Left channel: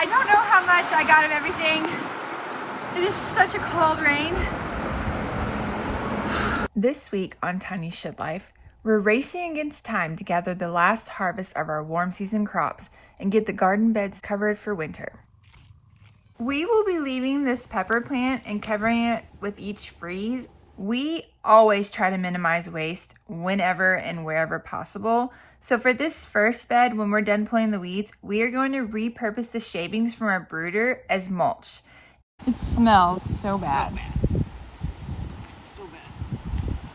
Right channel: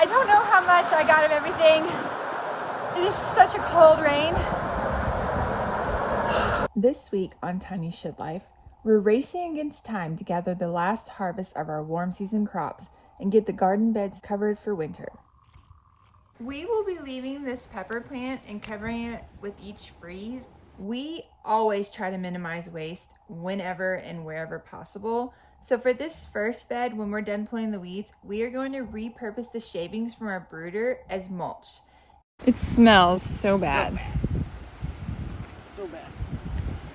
I don't know how much I got of everything. It was such a cold rain. This week on Tiny Shed Life, we're racing against time to gather the last harvest of our warm season crops and get the garden beds covered for winter. We will be leaving this pepper plant and covering it with each freeze. We always try to minimize waste whenever and wherever possible. So for this first bed, when we're done pulling the weeds, we are going to repurpose the shavings from our brooder as mulch. It smells so bad. So bad.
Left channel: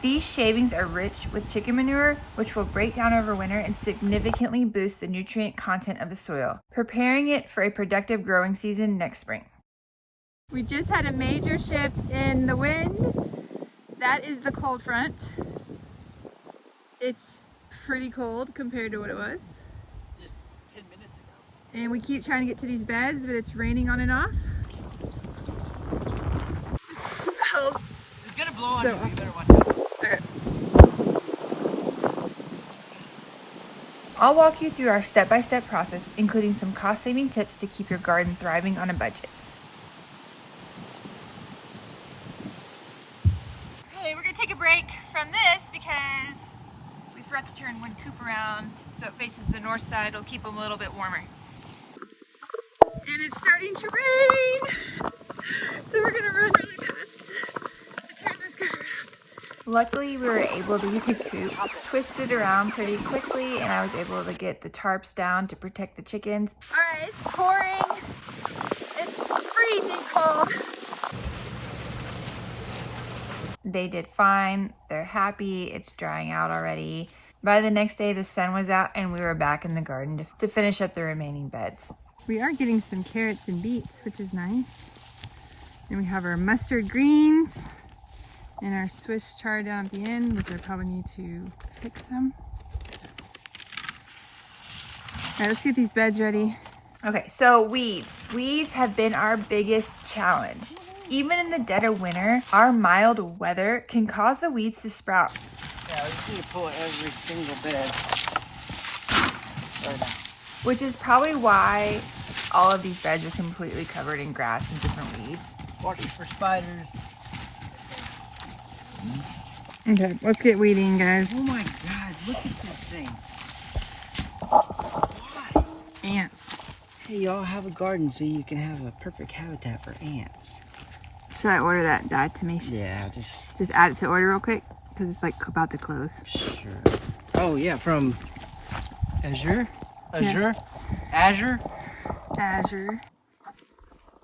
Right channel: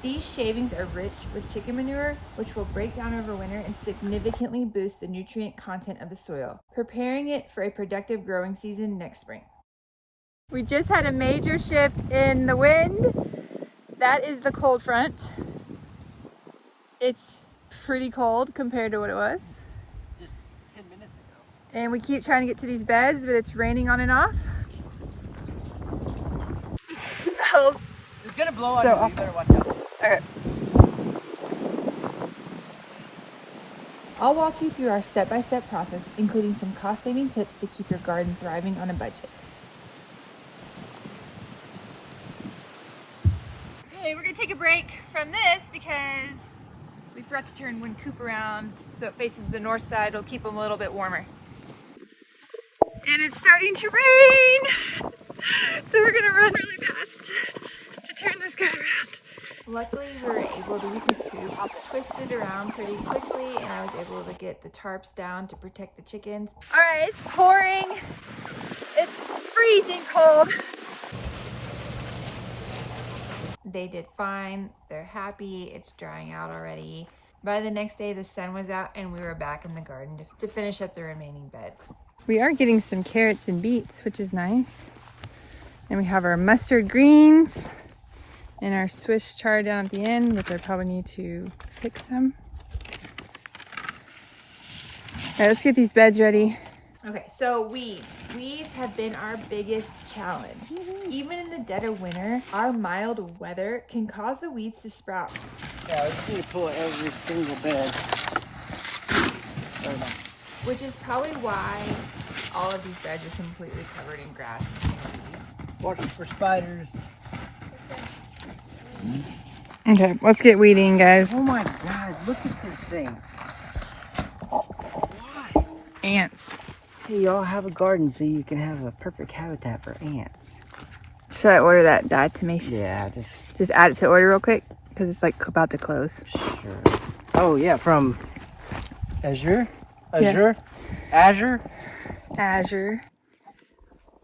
These shavings are rich with chicken manure, which will break down over winter and significantly boost the nutrient content of the soil, preparing it for a productive growing season next spring. We just had a major shift in the wind. That is the cold front. It's pretty cold compared to what it was. Just 10 minutes ago. And we keep trying to get to these beds, but it's raining on and off. It smells. It's gonna blow on you. awful. You better watch out. Okay. I'll walk you through our step-by-step process, including some cost-saving tips to keep your garden thriving on a budget. Okay, we're gonna take a break from this because we forgot to turn one coop around so it faces the north side. It'll keep them a little bit warmer. And it's starting to rain! So we're gonna run really fast to turn this guy around. Luckily, we were able to get the coop twisted around pretty quickly, and I was able to get the tarps down to protect the chickens. All right, it's pouring. It's freezing cold. They did fine. They're happy. It's drying out already. By the next day, the sun was out, and we were back in the garden to finish up the remaining beds. We are getting some carrots and beets, which is nice. And we have our mustard greens and our Swiss chard down at the end, which I probably need to pick some. All right, let's get these beds ready. Okay, so weeds. Weeds have been our biggest challenge. Even in the dead of winter, our mild weather can cause the weeds to sprout. Yeah, we just need to pull every single bed. Which is probably why all of these beds are completely covered in grass and different weeds. Watching for spiders. Okay, let's get weeding, guys. Oh my God, look at this thing. Why? Ants. Hey, y'all have a garden so you can have a perfect habitat for ants. Should I order that diatomaceous? Yeah, Just add it to order real quick because it's like about to close. Sure. Oh yeah, from Azure? Yeah. Azure?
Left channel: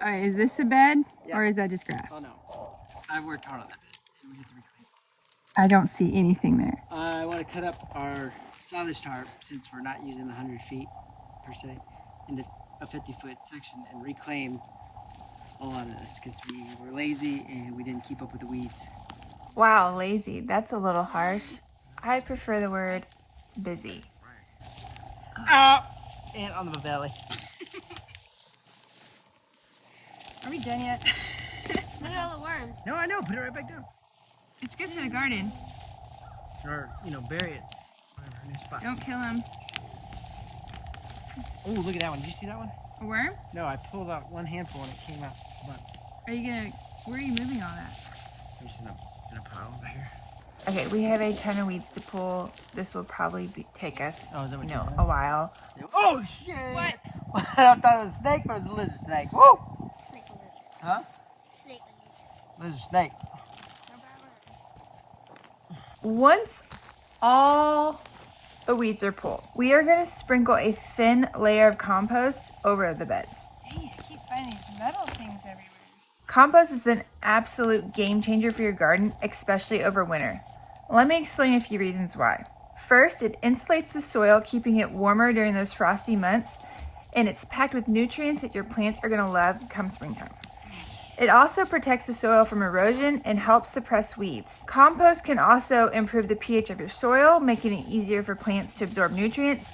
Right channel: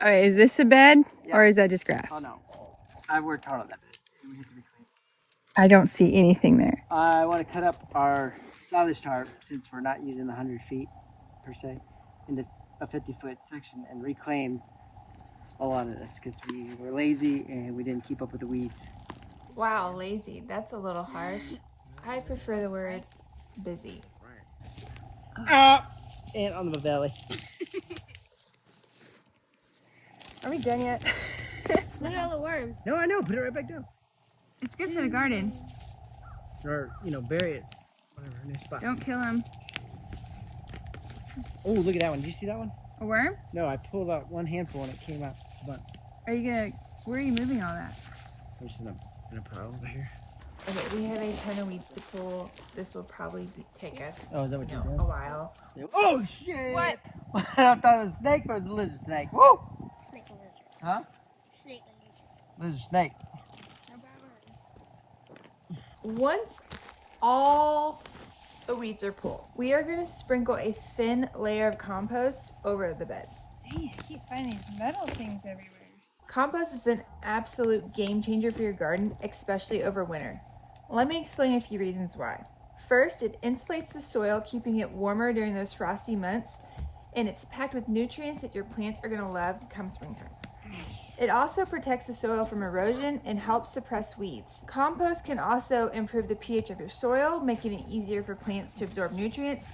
All right, is this a bed Yeah. or is that just grass? Oh no, I worked hard on that bed. We have to reclaim. I don't see anything there. I want to cut up our silage tarp since we're not using the 100 feet per se into a 50-foot section and reclaim a lot of this because we were lazy and we didn't keep up with the weeds. Wow, lazy. That's a little harsh. I prefer the word busy. And on the belly. Are we done yet? Look at all the worms. No, I know. Put it right back down. It's good for the garden. Or, bury it. Whatever, new spot. Don't kill them. Oh, look at that one. Did you see that one? A worm? No, I pulled out one handful and it came out a bunch. Are you gonna, where are you moving all that? I'm just in a pile over here. Okay, we have a ton of weeds to pull. This will probably take us, Oh, is that what you did? a while. Oh, shit! What? I thought it was a snake, but it was a lizard snake. Woo! Snake and lizard. Huh? Snake and lizard. Lizard snake. Once all the weeds are pulled, we are gonna sprinkle a thin layer of compost over the beds. Dang, I keep finding metal things everywhere. Compost is an absolute game changer for your garden, especially over winter. Let me explain a few reasons why. First, it insulates the soil, keeping it warmer during those frosty months, and it's packed with nutrients that your plants are gonna love come springtime. It also protects the soil from erosion and helps suppress weeds. Compost can also improve the pH of your soil, making it easier for plants to absorb nutrients.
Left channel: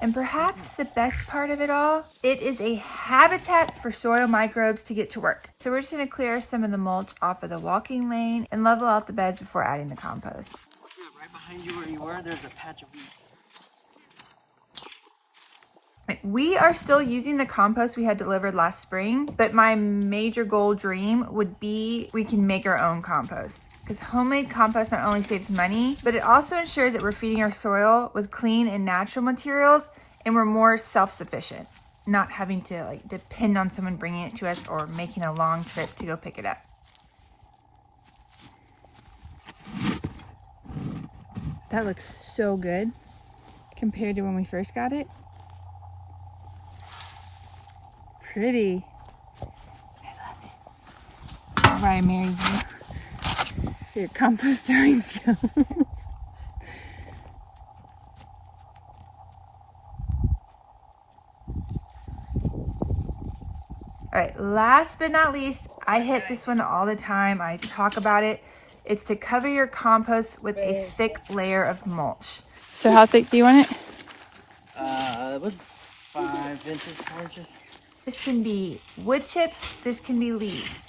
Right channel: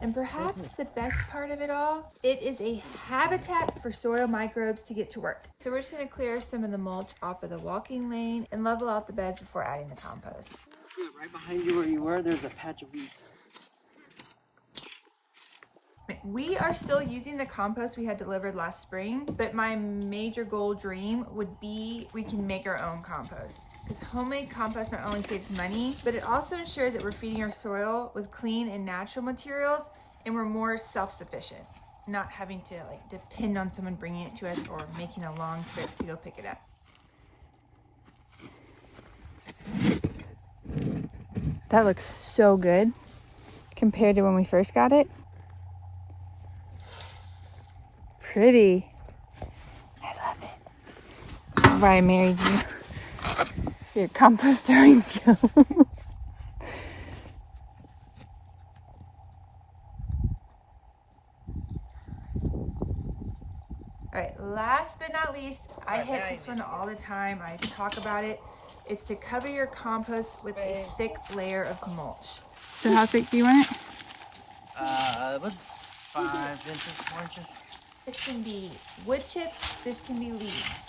And perhaps the best part of it all, it is a habitat for soil microbes to get to work. So we're just gonna clear some of the mulch off of the walking lane and level out the beds before adding the compost. Yeah, right behind you where you were, there's a patch of weeds. We are still using the compost we had delivered last spring, but my major goal dream would be we can make our own compost. Because homemade compost not only saves money, but it also ensures that we're feeding our soil with clean and natural materials, and we're more self-sufficient, not having to like depend on someone bringing it to us or making a long trip to go pick it up. That looks so good compared to when we first got it. Pretty. I love it. That's why I married you. For your compost throwing skills. All right, last but not least, I hit this one all the time. I talk about it. It's to cover your compost with a thick layer of mulch. So how thick do you want it? What's 5 inches, 4 inches? This can be wood chips, this can be leaves.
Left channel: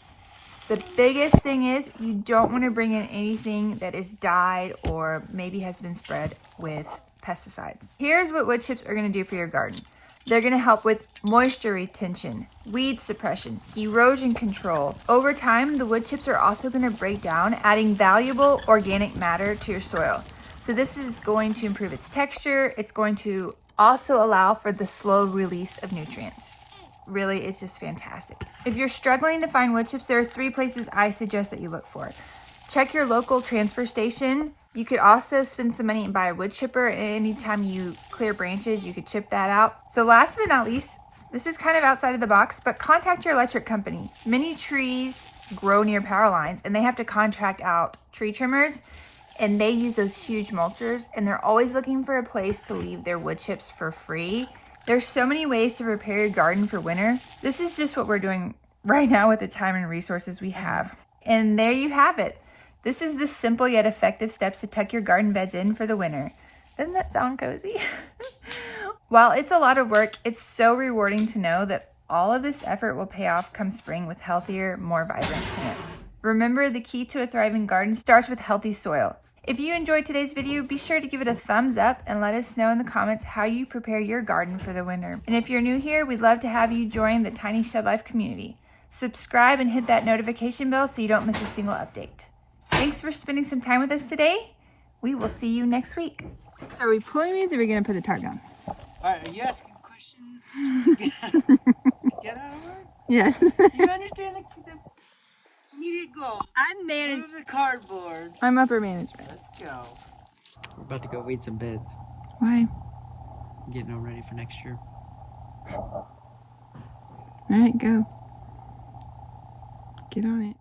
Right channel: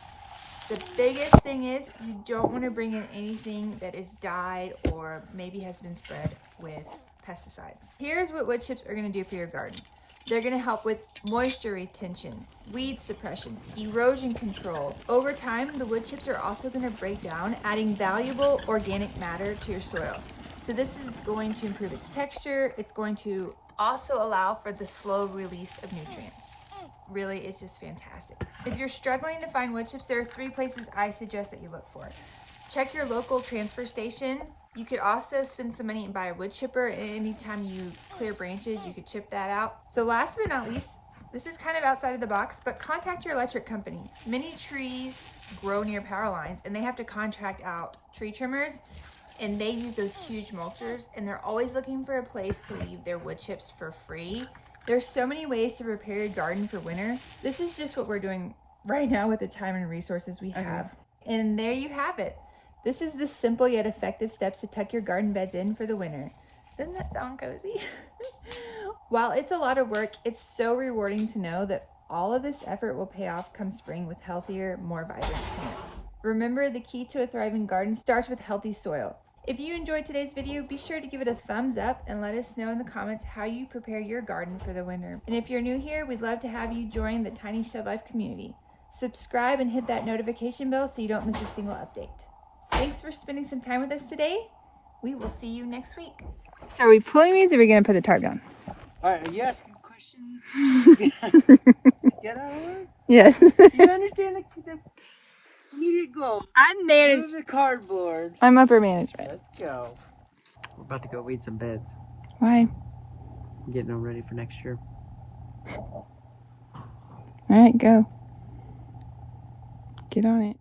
The biggest thing is you don't want to bring in anything that is dyed or maybe has been spread with pesticides. Here's what wood chips are going to do for your garden. They're going to help with moisture retention, weed suppression, erosion control. Over time, the wood chips are also going to break down, adding valuable organic matter to your soil. So this is going to improve its texture. It's going to also allow for the slow release of nutrients. Really, it's just fantastic. If you're struggling to find wood chips, there are 3 places I suggest that you look for. Check your local transfer station. You could also spend some money and buy a wood chipper. Anytime you clear branches, you could chip that out. So last but not least, this is kind of outside of the box, but contact your electric company. Many trees grow near power lines and they have to contract out tree trimmers, and they use those huge mulchers, and they're always looking for a place to leave their wood chips for free. There's so many ways to prepare your garden for winter. This is just what we're doing right now with the time and resources we have. And there you have it. This is the simple yet effective steps to tuck your garden beds in for the winter. Doesn't that sound cozy? While it's a lot of work, it's so rewarding to know that all of this effort will pay off come spring with healthier, more vibrant plants. Remember, the key to a thriving garden starts with healthy soil. If you enjoyed today's video, be sure to give it a thumbs up and let us know in the comments how you prepare your garden for the winter. And if you're new here, we'd love to have you join the Tiny Shed Life community. Subscribe and hit that notification bell so you don't miss a single update. Thanks for spending some time with us today. We will see you next week. So are we pulling these or are we going to put the tarp down? All right, are you asking questions? Get out of work? Yes. You understand the immediate goal? I'm there. Move the cardboard. I'm upper management. Let's go. We're about to go weed some beds. Why? Getting them ready for next year. All right, go. Get on it.